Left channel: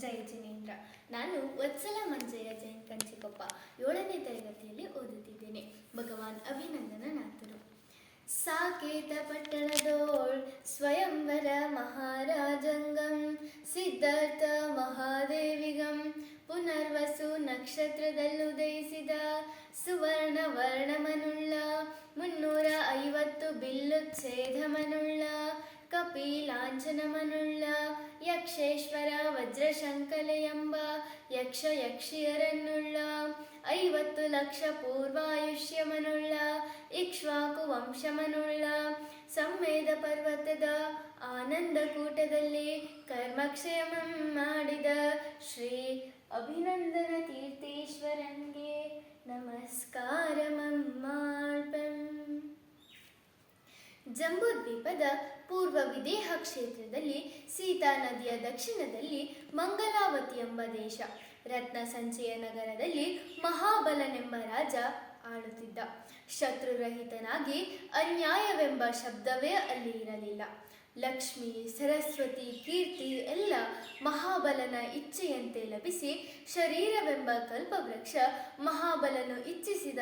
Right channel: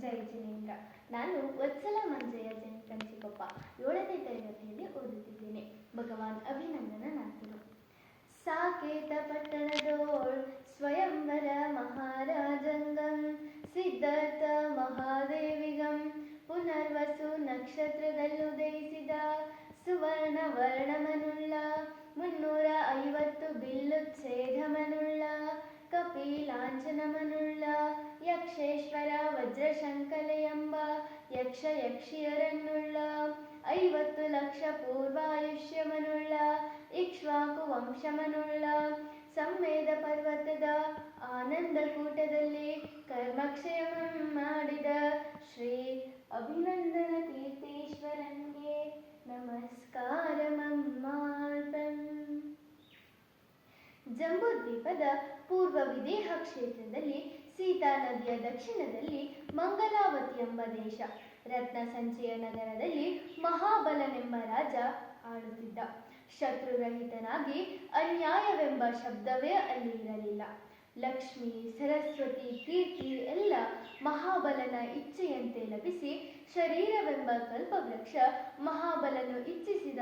ಜೈ ಜಿನೇಂದ್ರ ನಾನು ವತ್ಸಲ ಮಂಜಯ್ಯ ಜೈನ್ ಕಂಚಿಕಪ್ಪ ಏಳನೇ ತರಗತಿಯಲ್ಲಿ ಓದುತ್ತಿದ್ದೇನೆ. ಭಗವಾನ್ ಅಭಿನಂದನನಾಥರು ಸಾಕೇತ ಪಟ್ಟಣದೋಳ್ ಸ್ವಯಂವರ ಮಹಾರಾಜಂಗಂ, ಸಿದ್ಧಾರ್ಥ ಮಹಾದೇವಿಗಂ, ಪುನರ್ವಸು ನಕ್ಷತ್ರದಲ್ಲುದಯಿಸಿದ ಸುವರ್ಣ ವರ್ಣಮನುಳ್ಳ, ಮುನ್ನೂರ ಐವತ್ತು ಬಿಲ್ಲುಚ್ಛೇದಮನುಳ್ಳ ಕಪಿಲಾಂಛನಮನುಳ್ಳ ಯಕ್ಷೇಶ್ವರ ವಜ್ರಶಂಕಲೆ ಎಂಬ ಯಕ್ಷ ಯಕ್ಷಿಯರನ್ನುಳ್ಳ, ಐವತ್ತು ಲಕ್ಷ ಪೂರ್ವಾಯುಷ್ಯಮನುಳ್ಳ, ಇಕ್ಷ್ವಾಕು ವಂಶಮನುಳ್ಳ, ಸಂವೇದ ಪರ್ವತದ ಆನಂದಕೂಟದಲ್ಲಿ ಕೂಟದಲ್ಲಿ ಕರ್ಮಕ್ಷಯಮಂ ಮಾಡಿದ ಶ್ರೀ ಅಭಿನಂದನ ತೀರ್ಥೇಶ್ವರನ್ಗೆ ನಮಸ್ಕಾರಮಂ ಮಾಡ್ಪಂ ಜಂಬೂದ್ವೀಪದ ಪೂರ್ವ ವಿದೇಹ ಕ್ಷೇತ್ರದಲ್ಲಿ ಸೀತಾ ನದಿಯ ದಕ್ಷಿಣದಲ್ಲಿ ಮಂಗಲಾವತಿ ಎಂಬ ದೇಶ. ರತ್ನ ಸಂಚಯ ನಗರದಲ್ಲಿ ಮಹಾಬಲನೆಂಬ ರಾಜ ಆಳುತ್ತಿದ್ದ. ಶತ್ರುರಹಿತನಾಗಿ ಅನ್ಯಾಯವೆಂಬ ಶಬ್ದವೇ ಅಲ್ಲಿ ಇರಲಿಲ್ಲ. ಲಕ್ಷ್ಮಿ, ಸರಸ್ವತಿ, ಕೀರ್ತಿ ಎಲ್ಲ ಮಹಾಬಲನ ಇಚ್ಛೆಯಂತೆ ಲಭಿಸಿ ಶರೀರವೆಂಬ ಕಲ್ಪವೃಕ್ಷ ಮಹಾಬಲನು ಇಚ್ಛಿಸಿದ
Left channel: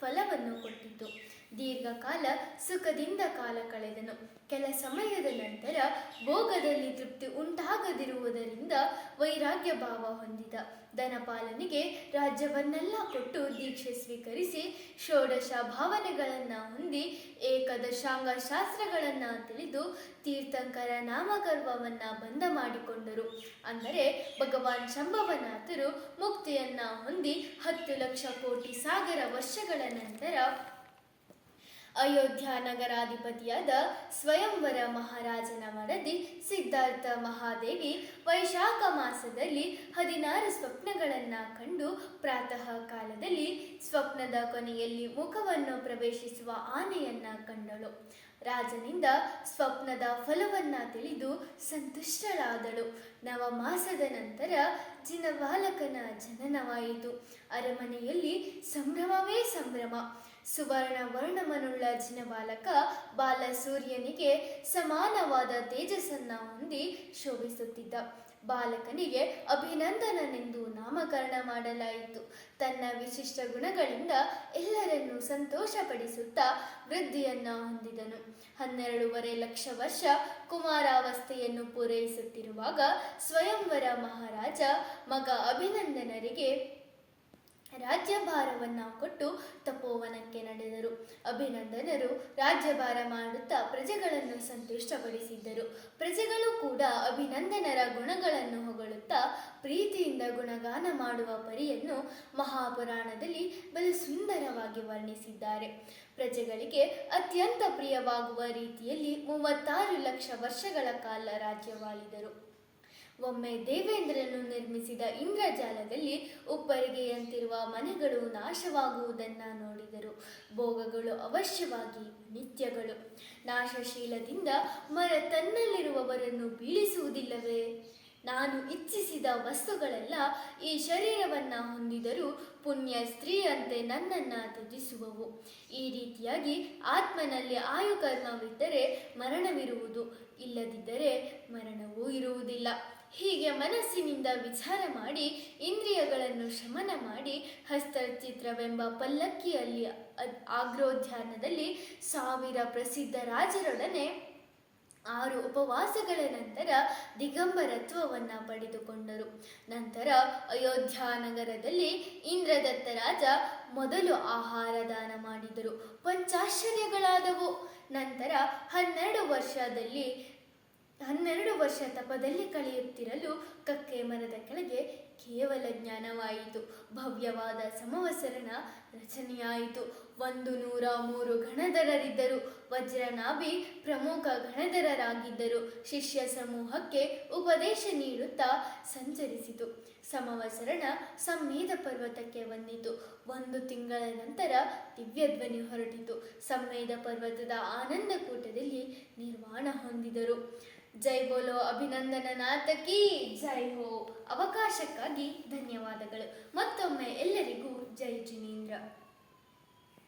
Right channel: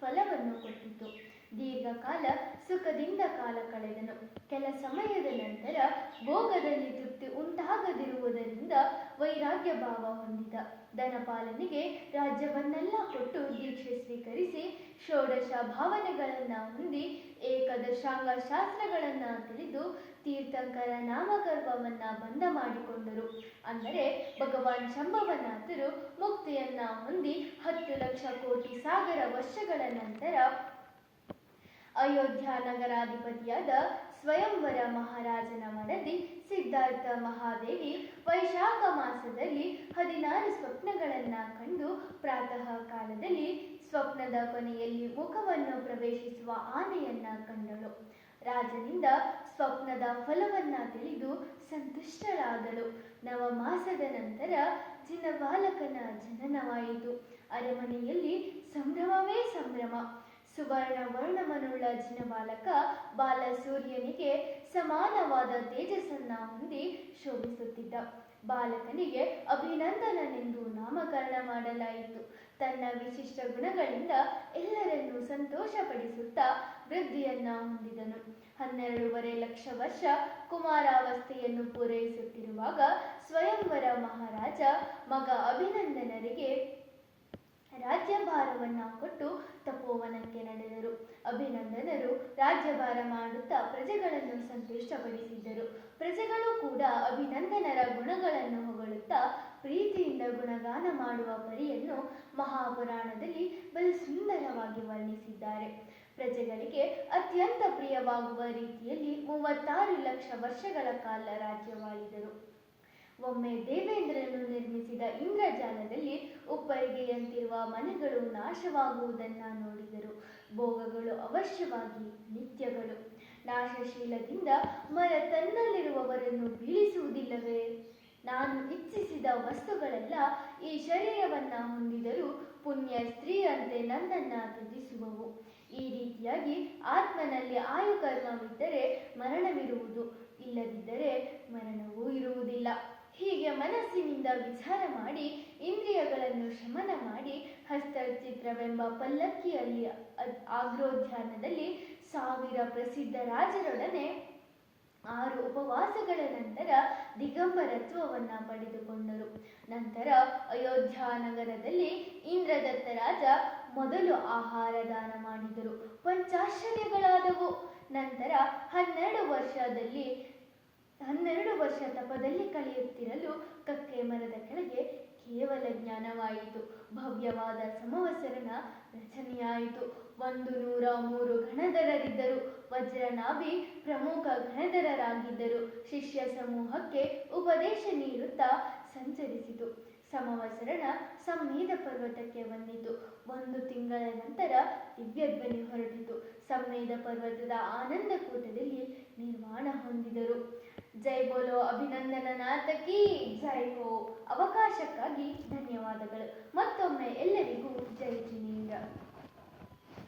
ಫಲವನ್ನು ಕೊಟ್ಟಿತು. ದೀರ್ಘಕಾಲ ಸುಖದಿಂದ ಕಾಲ ಕಳೆದನು. ಕೆಲ ಸಮಯದ ನಂತರ ಭೋಗದಲ್ಲಿ ತೃಪ್ತಿ ಉಂಟಾಗದಿರುವುದರಿಂದ ವೈರಾಗ್ಯ ಭಾವ ಹೊಂದಿದ. ಧನಪಾಲನಿಗೆ ರಾಜ್ಯವನ್ನೆಲ್ಲ ಕೊಟ್ಟು ದೀಕ್ಷೆ ಸ್ವೀಕರಿಸಿ ಷೋಡಶ ಭಾವನೆಗಳನ್ನು ಹೊಂದಿ ಏಕದಶಾಂಗ ಶಾಸ್ತ್ರಗಳನ್ನು ತಿಳಿದು ತೀರ್ಥಂಕರ ನಾಮಗರ್ವವನ್ನು ಬಂದ ಮಾಡಿಕೊಂಡರು. ಅಂದರೆ ಭಗವಾನ್ ಶಂಭವನಾಥರು ಮುಕ್ತಿಯನ್ನ ಹೊಂದಿ ಹತ್ತು ಲಕ್ಷ ಕೋಟಿ ಸಾಗರ ವರ್ಷಗಳ ನಂತರ ಅಯೋಧ್ಯ ನಗರಾಧಿಪತಿಯಾದ ಸ್ವಯಂವರ ಮಹಾರಾಜನ ಮಡದಿ ಸಿದ್ಧಾರ್ಥ ಮಹಾದೇವಿ ವೈಶಾಖ ಮಾಸದಲ್ಲಿ ಹದಿನಾರು ಸ್ವಪ್ನಗಳನ್ನು ಕಂಡು ಪ್ರಾತಃ ಕಾಲದಲ್ಲಿ ಸ್ವಪ್ನದ ಕೊನೆಯಲ್ಲಿ ಮುಖವನ್ನು ಪ್ರವೇಶಿಸುವ ಆನೆಯನ್ನ ಕಂಡಳು. ರಾಜನಿಂದ ಸ್ವಪ್ನದ ಫಲವನ್ನ ತಿಳಿದು ಸಂತುಷ್ಟಳಾದಳು. ನವಮಾಸದ ನಂತರ ಜಿನ ಬಾಲಕನ ಜನನವಾಯಿತು. ಅರಮನೆಯಲ್ಲಿ ಸಂಭ್ರಮವೇ ಸಂಭ್ರಮ. ಸುವರ್ಣ ವರ್ಣಮನುಳ್ಳ ಜಿನಬಾಲಕ ಬಾಲಸೂರ್ಯನಿಗೆ ಸಮಾನವಾದ ತೇಜಸ್ಸನ್ನ ಹೊಂದಿ ಶೋಭಿಸುತ್ತಿದ್ದ. ಬಾಲಕನಿಗೆ ಅಭಿನಂದನನೆಂದು ನಾಮಕರಣ ಮಾಡಲಾಯಿತು. ತನ್ನ ವಿಶಿಷ್ಟ ಗುಣಗಳಿಂದ ಎಲ್ಲರನ್ನೂ ಸಂತೋಷಪಡಿಸುತ್ತಾ ವೃದ್ಧಿಯನ್ನ ಹೊಂದಿದನು. ಹನ್ನೆರಡೂವರೆ ಲಕ್ಷ ವರ್ಷ ಕುಮಾರಾವಸ್ಥೆಯನ್ನು ಪೂರೈಸುತ್ತಿರುವಾಗ ಸ್ವಯಂವರ ಮಹಾರಾಜ ಮಗ ಅಭಿನಂದನರಿಗೆ ರಾಜ್ಯಭಾರವನ್ನ ಕೊಟ್ಟು ತಪೋವನಕ್ಕೆ ನಡೆದರು. ಅಭಿನಂದನರು. ರಾಜ್ಯಭಾರ ಮಾಡುತ್ತಾ ಪ್ರಜೆಗಳನ್ನು ಸಂತುಷ್ಟಪಡಿಸಿದ್ದರು. ಪ್ರಜೆಗಳು ಕೂಡ ಅಭಿನಂದನರ ಗುಣಗಳನ್ನು ಹೊಗಳುತ್ತಾ ಪ್ರೀತಿಯಿಂದ ಗುಣಗಾನ ಮಾಡುವ ಪರಿಯನ್ನು ಮಹಾಪುರಾಣದಲ್ಲಿ ಬಲು ಸುಂದರವಾಗಿ ವರ್ಣಿಸಿದ್ದಾರೆ. ಪ್ರಜೆಗಳಿಗೆ ಅತ್ಯಂತ ಪ್ರಿಯವಾಗುವ ರೀತಿಯಲ್ಲಿ ಮೂವತ್ತಾರು ಲಕ್ಷ ವರ್ಷಗಳ ಕಾಲ ರಾಜ್ಯವಾಳಿದರು. ಒಮ್ಮೆ ದೇವೇಂದ್ರನು ನಿರ್ಮಿಸಿದ ಇಂದ್ರಜಾಲದಲ್ಲಿ ಉಪ್ಪರಿಗೆಯಂತಿರುವ ಮನೆಗಳು ನಾಶವಾಗುವುದನ್ನು ನೋಡಿದರು. ಭೋಗಗಳು ಅವಶ್ಯವಾಗಿ ನಿತ್ಯಗಳು. ನಾಶಶೀಲದಿಂದ ಮರ ತನ್ನಲ್ಲಿರುವವರನ್ನು ಬೀಳಿಸುವುದಿಲ್ಲವೇ? ನಾನು ಇಚ್ಛಿಸಿದ ವಸ್ತುಗಳೆಲ್ಲ ಈ ಶರೀರವನ್ನು ಹೊಂದಿದರೂ ಪುಣ್ಯ ಸ್ತ್ರೀಯಂತೆ ನನ್ನನ್ನು ತ್ಯಜಿಸುವವು. ಈ ರೀತಿಯಾಗಿ ಆತ್ಮನಲ್ಲಿ ಆಯುಕರ್ಮವಿದ್ದರೆ ಮರಣವಿರುವುದು. ಇಲ್ಲದಿದ್ದರೆ ಮರಣವೂ ಇರುವುದಿಲ್ಲ. ಹೀಗೆ ಮನಸ್ಸಿನಿಂದ ವಿಚಾರ ಮಾಡಿ, ಇಂದ್ರಿಯಗಳನ್ನು ಶಮನ ಮಾಡಿ, ಹಸ್ತಚಿತ್ರವೆಂಬ ಪಲ್ಲಕ್ಕಿಯಲ್ಲಿ ಆಗ್ರೋಧ್ಯಾನದಲ್ಲಿ ಸಾವಿರ ಪ್ರಸಿದ್ಧ ರಾಜರೊಡನೆ ಆರು ಉಪವಾಸಗಳ ನಂತರ ದಿಗಂಬರತ್ವವನ್ನು ಪಡೆದುಕೊಂಡರು. ನಂತರ ಅಯೋಧ್ಯ ನಗರದಲ್ಲಿ ಇಂದ್ರದತ್ತ ರಾಜ ಮೊದಲು ಆಹಾರ ದಾನ ಮಾಡಿದರು. ಪಂಚಾಶ್ಚರ್ಯಗಳಾದವು. ನಂತರ ಹನ್ನೆರಡು ವರ್ಷದಲ್ಲಿ ಹನ್ನೆರಡು ವರ್ಷ ತಪದಲ್ಲಿ ಕಳೆಯುತ್ತಿರಲು ಕಕ್ಕೆ ಮರದ ಕೆಳಗೆ ಕೇವಲ ಜ್ಞಾನವಾಯಿತು. ಭವ್ಯವಾದ ಸಮವಸರನ ರಚನೆಯಾಯಿತು. ಒಂದು ನೂರ ಮೂರು ಗಣಧರರಿದ್ದರು ವಜ್ರನಾಭಿ ಪ್ರಮುಖ ಗಣಧರರಾಗಿದ್ದರು ಶಿಷ್ಯ ಸಮೂಹಕ್ಕೆ ಉಪದೇಶ ನೀಡುತ್ತಾ ಸಂಚರಿಸಿತು. ಸಮವಸರಣ ಸಂವೇದ ಪರ್ವತಕ್ಕೆ ಒಂದು ತಿಂಗಳ ನಂತರ ದಿವ್ಯಧ್ವನಿ ಹೊರಟಿತು. ಸಂವೇದ ಪರ್ವತದ ಆನಂದ ಕೂಟದಲ್ಲಿ ನಿರ್ವಾಣ ಹೊಂದಿದರು. ಜೈ ಬೋಲೋ ಅಭಿನಂದನ ನಾಥಕಿ ಜೈ ಹೋ. ಅವಕಾಶಕ್ಕಾಗಿ ಧನ್ಯವಾದಗಳು. ಮತ್ತೊಮ್ಮೆ ಎಲ್ಲರಿಗೂ ಜೈ ಜಿನೇಂದ್ರ.